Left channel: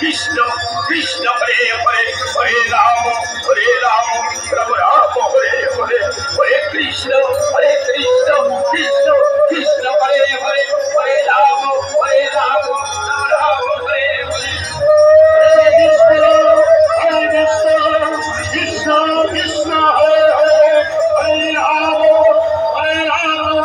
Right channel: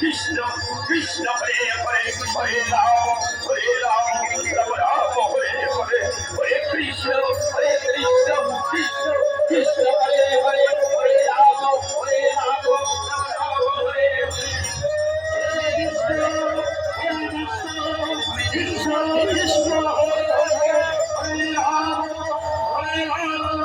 কৃষ্ণ কৃষ্ণ হরে হরে হরে রাম রাম রাম হরে হরে হরে কৃষ্ণ কৃষ্ণ কৃষ্ণ হরে হরে হরে রাম রাম রাম হরে হরে কৃষ্ণ কৃষ্ণ হরে হরে হরে রাম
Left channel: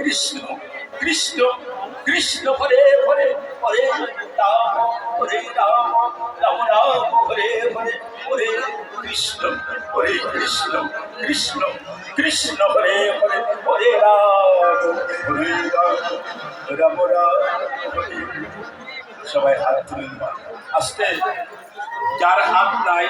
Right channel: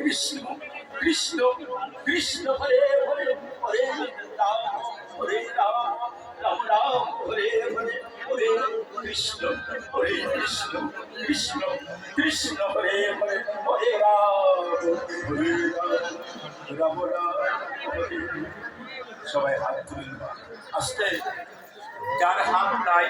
কৃষ্ণ কৃষ্ণ কৃষ্ণ হরে হরে হরে রাম রাম রাম হরে হরে হরে কৃষ্ণ কৃষ্ণ কৃষ্ণ কৃষ্ণ হরে হরে হরে রাম রাম হরে। সবাই হাত তুলেন, আস্তে, যার হাত নাই